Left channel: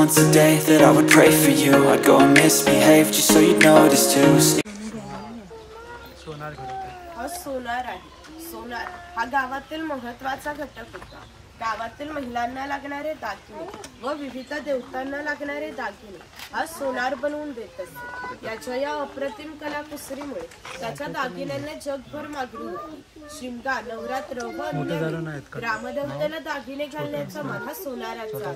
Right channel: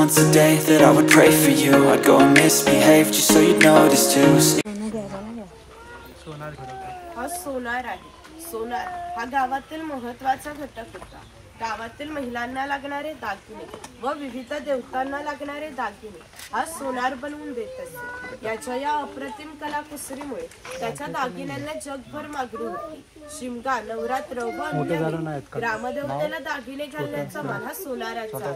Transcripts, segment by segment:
once a day that I would pray for you. I'd go and misbehave just so you'd notice too. सोनार आहे. सोनार हा गावातील महत्त्वाचा घटक होता. गावातील महिलांना लागणारे दागिने व विविध देवतांना लागणारे दागिने हा सोनार बनवून देत असे. याच्या या अप्रतिम कलाकुसरीमुळे त्याच्या दागिन्यांना जगभर मागणी होती. शिमगा, नवरात्र व अन्य ग्रामदेवताला दागिने घालण्याचा मान हा सोनाराचा.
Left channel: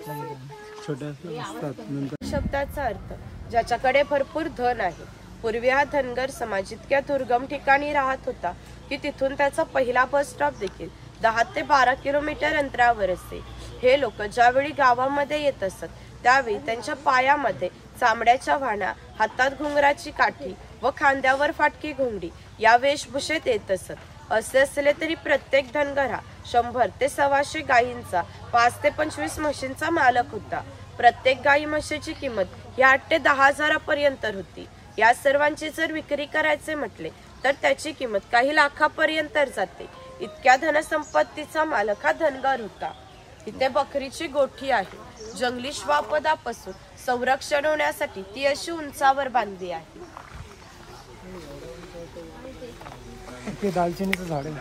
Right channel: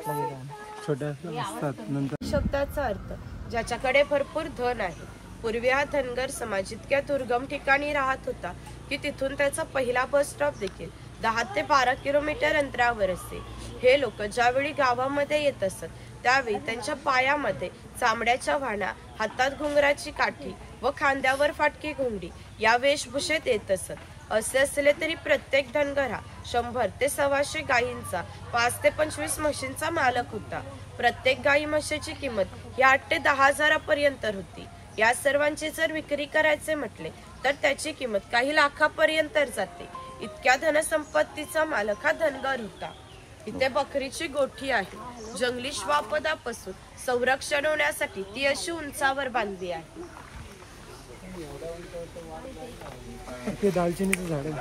शब्दाचा अर्थ ज्याच्याकडे भरपूर धन आहे. पूर्वी हा धनगर समाज इतक्या दुर्गम ठिकाणी राहत होता की तिथून त्याचा पहिला बस स्टॉप देखील 10 ते 12 किलोमीटर अंतरावर असे. हे लोक ज्यावेळी गावामध्ये येत असत त्यावेळी त्यांच्या पायामध्ये चामड्याच्या वाहना, हातात घुंगराची काठी व खांद्यावर फाटकी घोंगडी या वेशभूषेत येत असत. असे असले तरी प्रत्येक धनगर हा 100 ते 125 गायींचा, 5 ते 25 म्हशींचा मालक होता. प्रत्येक गायी म्हशीची किंमत ही 8 ते 10 हजारापर्यंत होती. या सर्वांची जर विक्री करायचे म्हटले तर त्याची किंमत काही लाखापर्यंत जाते. इतक्या धनसंपत्तीचा मालक हा धनगर होता. इथे बकरीची गोठी आहे. जंगली श्वापदापासून संरक्षण होण्यासाठी ती अशी उंचावर बांधली आहे. ते दालचिनीचं झाड आहे.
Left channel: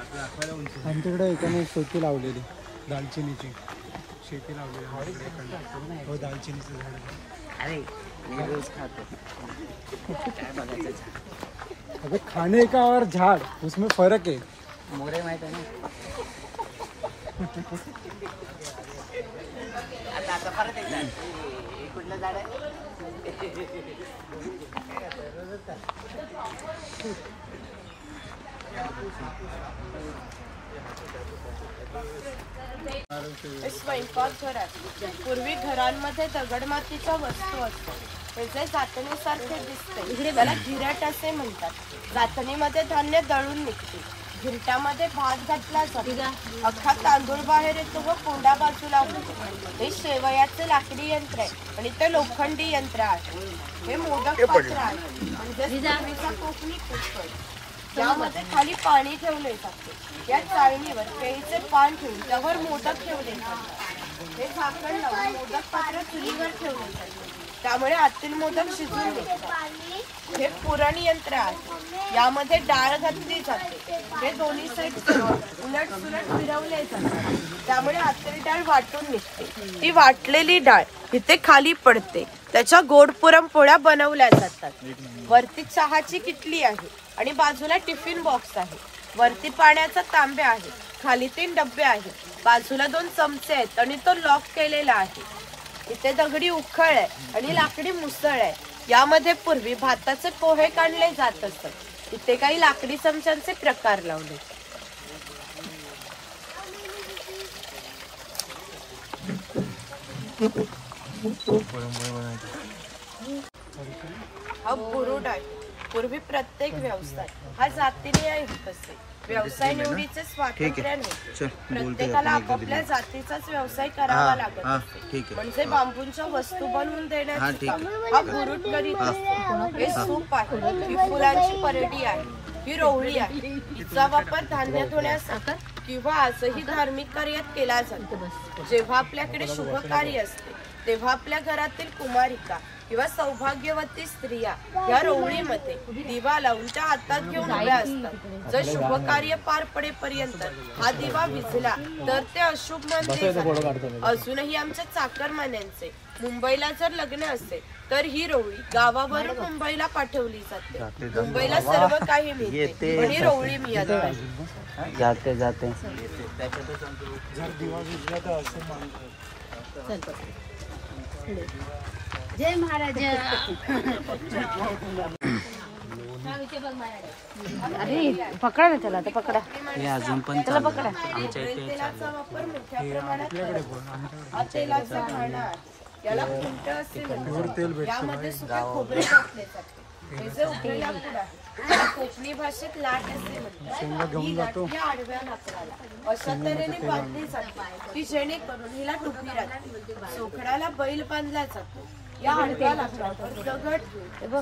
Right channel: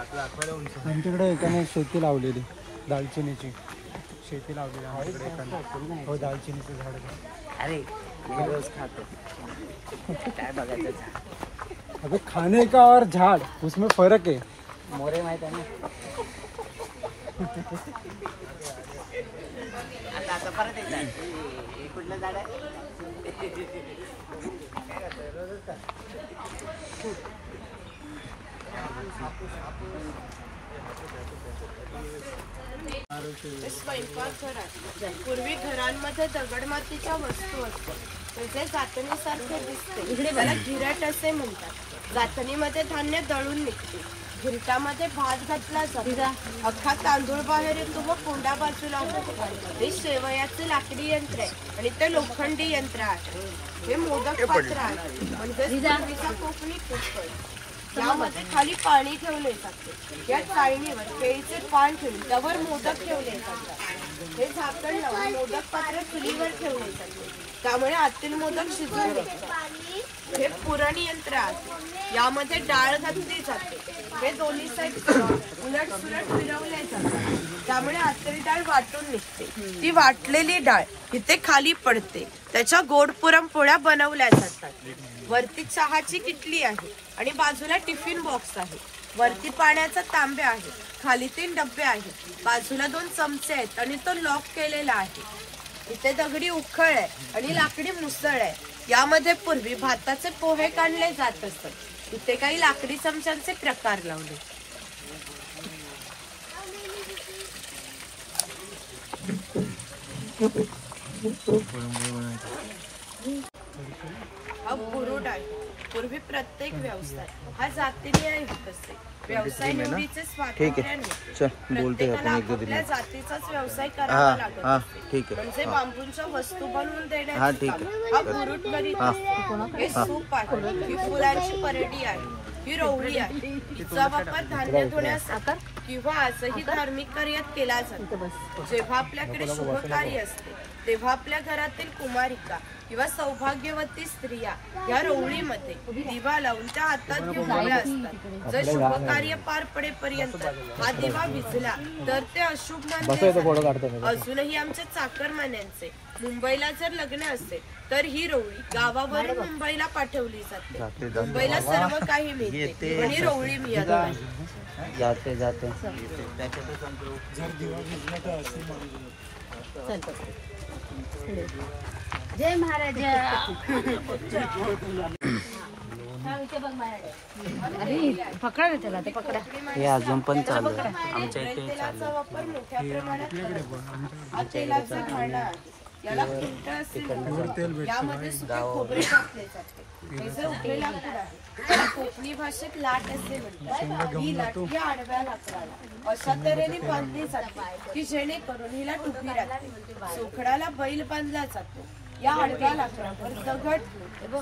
आमच्याकडे एकाने शेती लावलेली दालचिनीची शेती लावलेली. हो, दालचिनीचं झाड आहे. अरे मी रोज खातो. अबे खाने का और झाड़ उसमें फर्क है. मोरे माहित आहे ना. आता परत एकदा कुठलं झाड आहे. स्वयंपाकघर आहे. पूर्वी घरांमध्ये दगडमातीच्या वस्तू असतात. त्याचे जातनीसारखे दिसते त्याला घिरट असे म्हणतात. जातनीमध्ये धान्य दळून निघते. घिरटामध्ये भात घातला जातो. अख्खा तांदूळ बाहेर येतो व कोंडा बाजूला होतो. हे शेवयाचे लाकडी यंत्र आहे आणि ते लोखंडी यंत्र आहे. हे मोदक पात्र आहे म्हणजे कोकणी कुकर. यामध्ये खाली पाणी ठेवले जाते. या चाळणीवर केळीचे पान ठेवून त्यावर मोदक ठेवले जातात. हे झाकण लावून मोदक पात्र चुलीवर ठेवले जाते. त्यामुळे आतील मोदक शिजून निघतात. हे पुरण यंत्र आहे. यामध्ये डाळ घातली जाते. हे दोन्ही साईड उलट सुलट फिरवले जातात. त्यामुळे आतील डाळ वाटून निघते. ती वाटलेली डाळ इथे खाली पडते. त्याच्या गोड पुरणपोळ्या बनवल्या जातात. वरती चहाची किटली आहे आणि बाजूला टिफिन बॉक्स आहे. वरती पाण्याचा तांब्या आहे. खाली 3 डब्बे आहेत. बाजूला 2 चमचे आहेत आणि तो लॉक केलेला आहे. इथे दगडी उखळ आहे आणि लाकडी मुसळ आहे. यामध्ये पूर्वी भाताचे पोहे काढले जात असत. इथे काही लाकडी चमच्यांचे प्रकार लावले. हा बुरुड आहे. पूर्वी प्रत्येक व्यवसाय हा जातीने होत असते. व्यवसाय निवडीचे स्वातंत्र्य नव्हते. प्रत्येकाला आपापल्या जातीचाच व्यवसाय करावा लागत. म्हणजे बांबूंच्या वस्तू बनवून देण्याचे हा बुरुड करीत असतो. हे सूप आहे. ही फुलांची परडी आहे. ही रोवळी आहे. हिचा वापर धान्य धुण्यासाठी किंवा आजही धार्मिक कार्यात केला जातो. जेव्हा आपल्याकडे शुभ कार्य असते तेव्हा आपल्या घरातील कुमारिका किंवा सौभाग्यवती स्त्रिया या रोवळीमध्ये दिवा लावून त्या हातात घेऊन उभ्या असतात. जर शुभ कार्य पार पडेपर्यंत हा दिवा विझला तर ते अशुभ मानले जाते. अजूनही आमच्या चाकरमान्यांचे मुंबईला जर लग्न असेल तर ही रोवळी गावावरून मुंबईला पाठवली जाते. मुंबईला सर्व काही मिळते पण ही रोवळी मिळत नाही. जाते जाते जय महाराज. अरे पकडा ना त्याला. ते पकडा. हे अजून पण चालू आहे. आमच्या इथे तेलाचा वापर मोठ्या प्रमाणात हा तेलाचा घाणा याला कुंट असे म्हणतात. यामध्ये सुके खोबरे टाकले जाते. हे उकळलेला लाकूड आहे. त्याला कोकणी भाषेत लाट असे म्हणतात. ही लाट या आडव्या लाकडाला अशा तऱ्हेने बांधली जाते की जेणेकरून हिला टुपी राहते. चोखडाला बैल बांधला जातो. या आडव्या लाकडावर दगड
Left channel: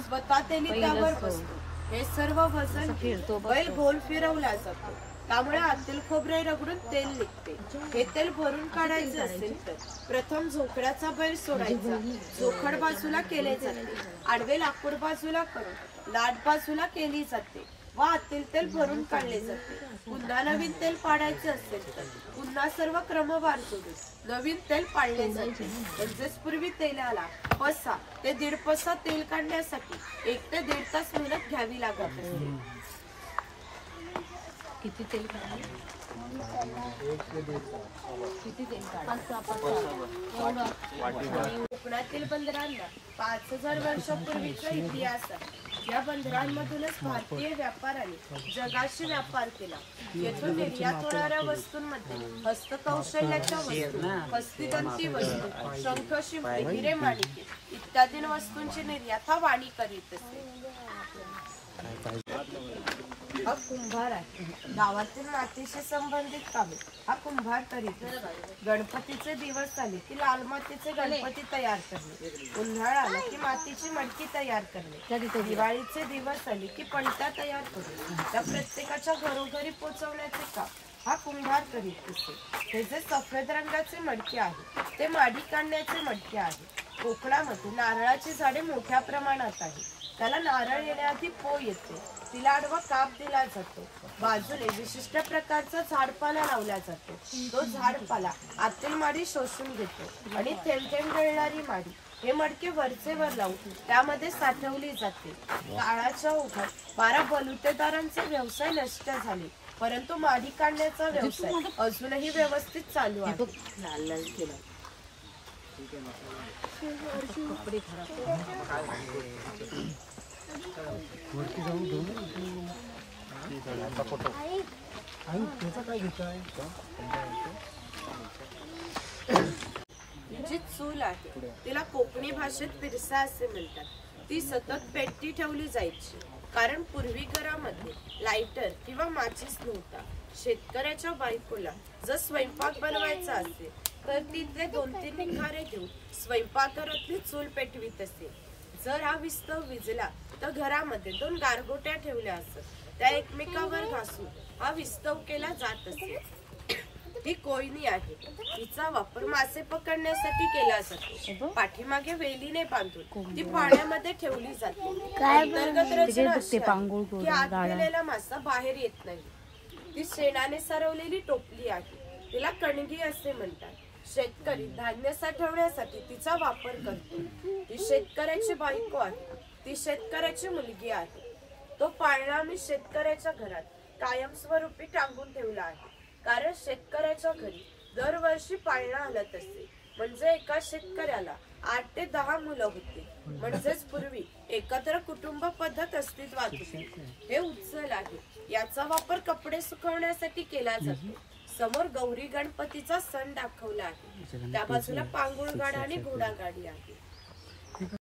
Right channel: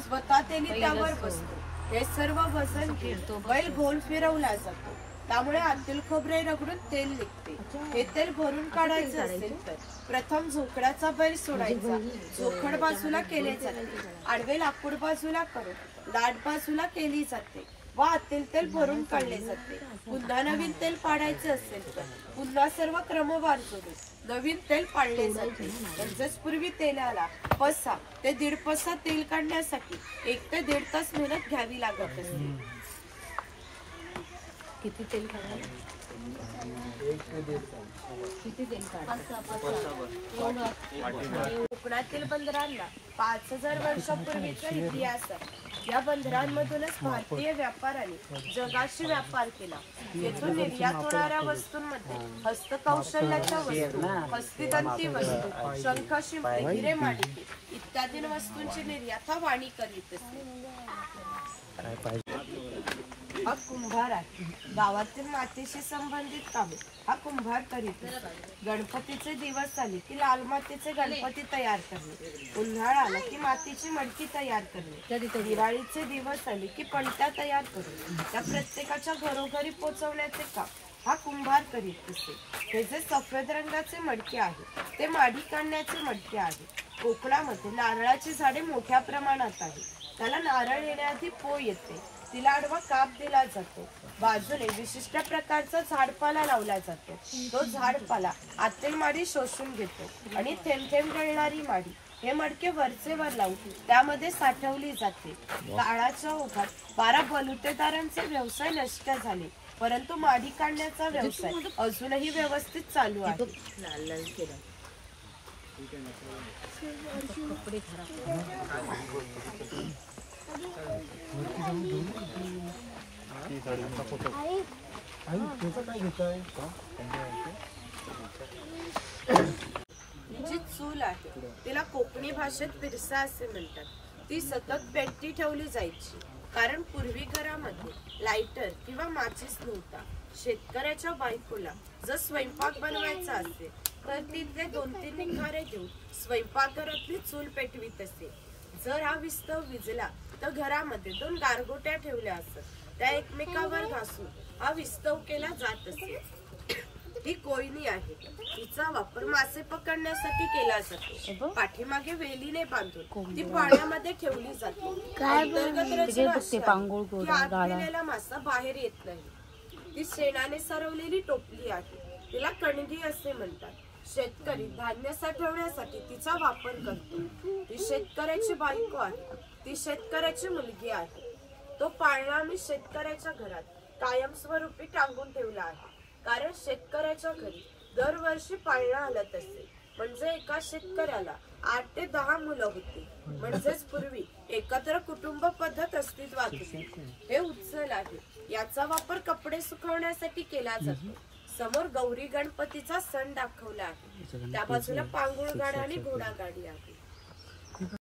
स्वतः त्याने त्यावर बसतो. हे सर्व वजन घेतो. बैल गोल फिरवला जातो. त्यामुळे आतील खोबरे रगडून तेल निघते. हे तेल भरून काढायचे असेल तर प्रथम झोकड्याचा बैल सोडायचा. झोखड बाजूला केले जाते. आडवे लाकूड बाजूला करून लाट बाजूला केली जाते व आतील तेल भरून काढले जाते. पुन्हा नवीन तेल पाडायचे असेल तर पुन्हा सर्व क्रमवार जोडून नवीन तेल पाडले जाते. म्हणजेच पूर्वी तेलाला पसा ते 1.5 पसा तेल काढण्यासाठी 1 ते 1.5 तास मेहनत घ्यावी लागत असते. किती तेल कोकणातील बंदरांना 5000 वर्षापूर्वीचा इतिहास आहे. या बंदरांमधूनच भारतीय व्यापाऱ्यांनी जगाशी व्यापार केला. येथून निर्यात होणाऱ्या वस्तूंमध्ये हस्तकौशल्याच्या वस्तू, हस्तिदंती वस्तू, शंख, शिंपले, हिरे, माणिके इत्यादी वस्तूंची निर्यात हा वाणी करीत असे. हा कुंभार आहे. गावातील मातीशी संबंधित कामे हा कुंभार करीत असतो. गणपतीचे दिवस आले की लाल मातीचे गणपती तयार करणे, उन्हाळा आला की मातीची मडकी तयार करणे, दिवाळीचे दिवस आले की पणत्या तयार करणे, त्या प्रत्येकाच्या घरोघरी पोचवण्याचे काम हा कुंभार करीत असते. हे जे सफेद रंगाचे मडके आहे ते माडी काढण्याचे मडके आहे. कोकणामध्ये नारळाची झाडे मोठ्या प्रमाणात आहे. त्याला नारळ येण्याआधी पो येते. तिला आडवा काप दिला जातो. बाजूने विशिष्ट प्रकारचा झाडपाला लावला जातो. तो झाडपाला आतील माडी शोषून घेतो आणि थेंब थेंब गळणारी माडी हे मडके वरचे वर लावून त्यामध्ये साठवली जाते. काळाच्या ओघात 12 बलुतेदारांचे व्यवसाय नष्ट झाले, परंतु माडी काढण्याचा व्यवसाय अजूनही व्यवस्थित चालू आहे. त्याचा काय घेताय? जी चूल आहे तिला कोकणी भाषेत पिरसा असे म्हणतात. ती सतत पेटती ठेवली जायची, कारण पूर्वी घरामध्ये लायटर किंवा माचीस नव्हता. शेतकऱ्याच्या बायकोला जर स्वयंपाक बनवायचा असेल तर ती ते 2-3 निखारे घेऊन स्वयंपाकघरातली चूल पेटवीत असे. जर हा विस्तव विजला तर घरामध्ये 2 गारगोट्या ठेवल्या असत. त्या एकमेकावर घासून हा विस्तव केला जात असे. ही कोयनी आहे. तिचा वापर मासे पकडण्यासाठी केला जातो. पाठीमागे वेलीने बांधून ती पाण्यामध्ये ठेवली जाते. अंतर्गत रचना अशी आहे की आत गेलेला मासा बाहेर येत नाही. ती शेणाने सारवलेली टोपली आहे. तिला कणगी असे म्हणतात. शेतकरी धान्य साठवण्यासाठी तिचा वापर करतो. ती शेतकऱ्याची बायको आहे. ती शेतकऱ्याची मुलगी आहे. तो पाळणा आम्ही शेतकऱ्याच्या घरात कायमस्वरूपी टांगून ठेवला आहे, कारण शेतकऱ्याच्या घरी दरवर्षी पाळणा हलत असे. म्हणजे एका शेतकऱ्याला 8 ते 10 मुलं होती. म्हणजेच पूर्वी एकत्र कुटुंब पद्धत अस्तित्वात होती. हे उचल आहे. याचा वापर कपडे सुकवण्यासाठी केला जातो. समोर गौरी गणपतीचा सण दाखवला आहे. त्या बाजूला पांगुळ गाडी आणि घोडा गाडी आहे.